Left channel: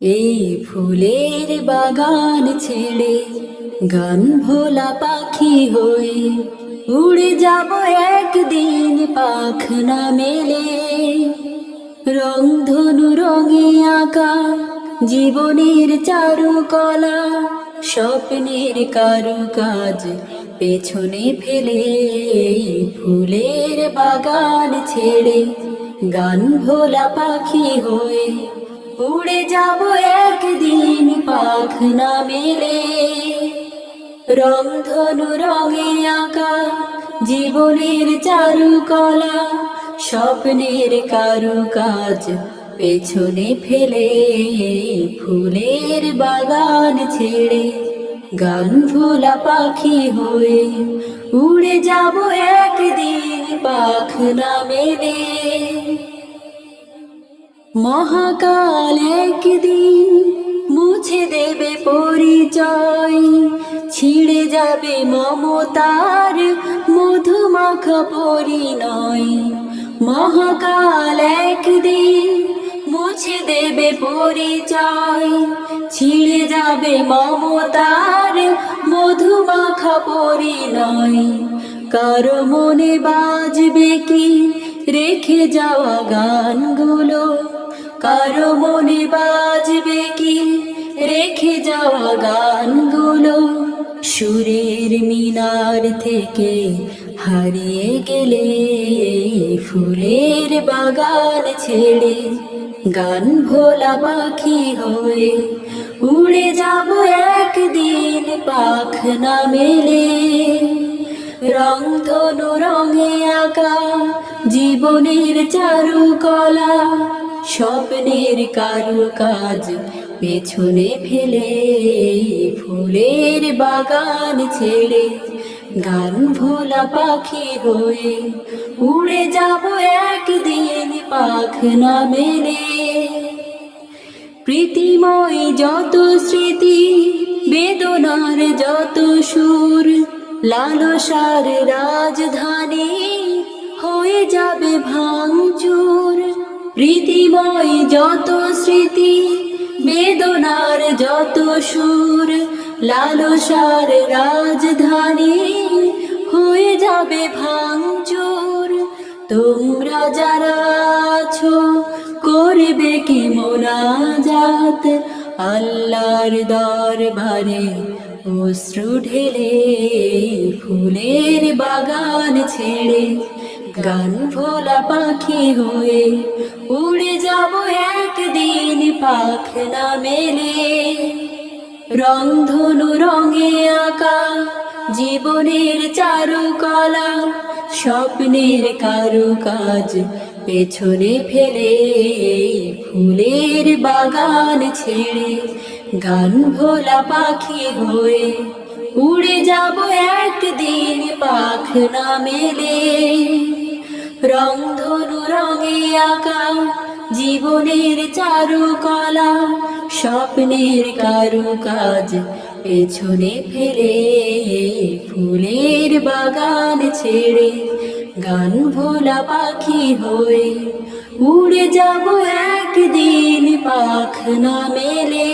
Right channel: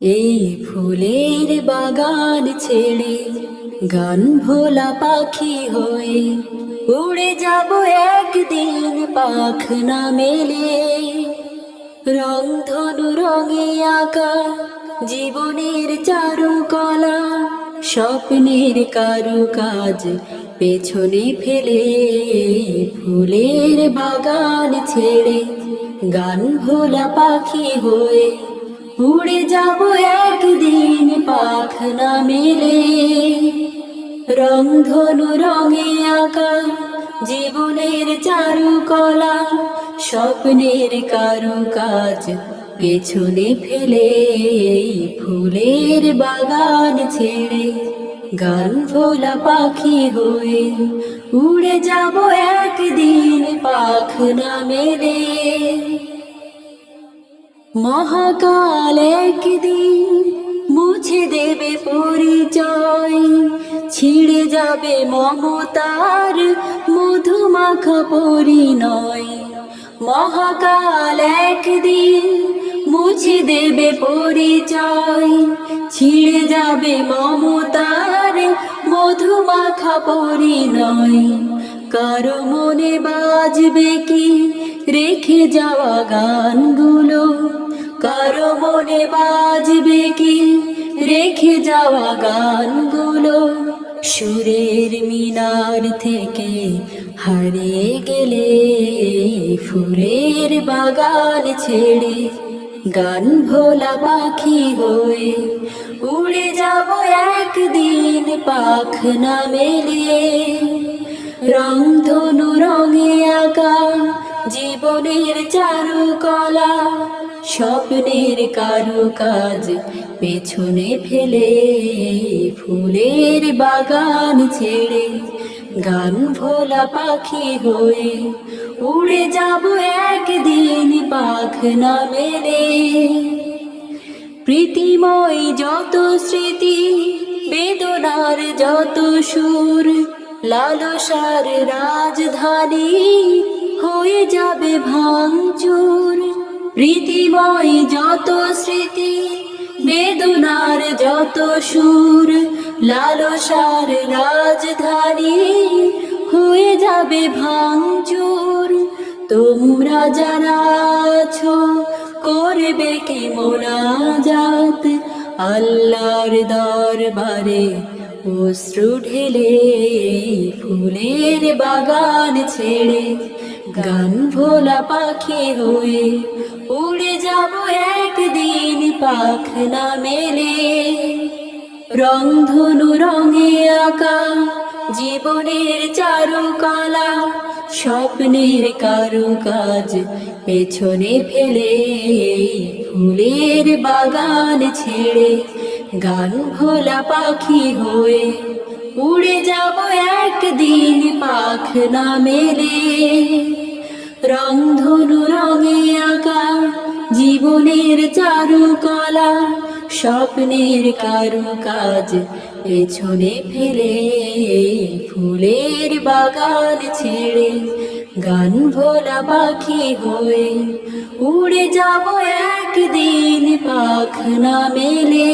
এই ফুলের বাগান ছেড়ে গান ভোলা পাখি হয়ে উড়ে যাব একদিন পাখ না মেলে। রংধনু রঙে আঁকা জীবনের চারুকলা, স্বপ্নের কারুকাজ পেছনে ফেলে। ফুলের বাগান ছেড়ে গান ভোলা পাখি হয়ে উড়ে যাব একদিন পাখ না মেলে। রংধনু রঙে আঁকা জীবনের চারুকলা, স্বপ্নের কারুকাজ পেছনে ফেলে। ফুলের বাগান ছেড়ে গান ভোলা পাখি হয়ে উড়ে যাব একদিন পাখ না মেলে। মহাকাল একদিন মুছে দেবে পরিচয়, ছিঁড়ে যাবে মমতার মধুমাখা পরিণয়। মহাকাল একদিন মুছে দেবে পরিচয়, ছিঁড়ে যাবে মমতার মধুমাখা পরিণয়। কারো মনে বাজবে কি রেখে যাওয়া গানগুলো, কারো মনে বাজবে কি রেখে যাওয়া গানগুলো। সুরের মিনার থেকে হারিয়ে গেলে ফুলের বাগান ছেড়ে গান ভোলা পাখি হয়ে উড়ে যাব একদিন পাখ না মেলে। রংধনু রঙে আঁকা জীবনের চারুকলা, স্বপ্নের কারুকাজ পেছনে ফেলে। ফুলের বাগান ছেড়ে গান ভোলা পাখি হয়ে উড়ে যাব একদিন পাখ না মেলে। প্রীতিময় যত স্মৃতি, বেদনার যত সুর, লালসার রাজধানী হয়ে যাবে ভাঙচুর। প্রীতিময় যত স্মৃতি, বেদনার যত সুর, লালসার রাজধানী হয়ে যাবে ভাঙচুর। তোমরা যারা আছো করবে কি মোনাজাত আল্লাহর দরবারে অশ্রু ঢেলে। ফুলের বাগান ছেড়ে গান ভোলা পাখি হয়ে উড়ে যাব একদিন পাখ না মেলে। রংধনু রঙে আঁকা জীবনের চারুকলা, স্বপ্নের কারুকাজ পেছনে ফেলে। ফুলের বাগান ছেড়ে গান ভোলা পাখি হয়ে উড়ে যাব একদিন পাখ না মেলে। রংধনু রঙে আঁকা জীবনের চারুকলা, স্বপ্নের কারুকাজ পেছনে ফেলে। ফুলের বাগান ছেড়ে গান ভোলা পাখি হয়ে উড়ে যাব একদিন পাখ না মেলে।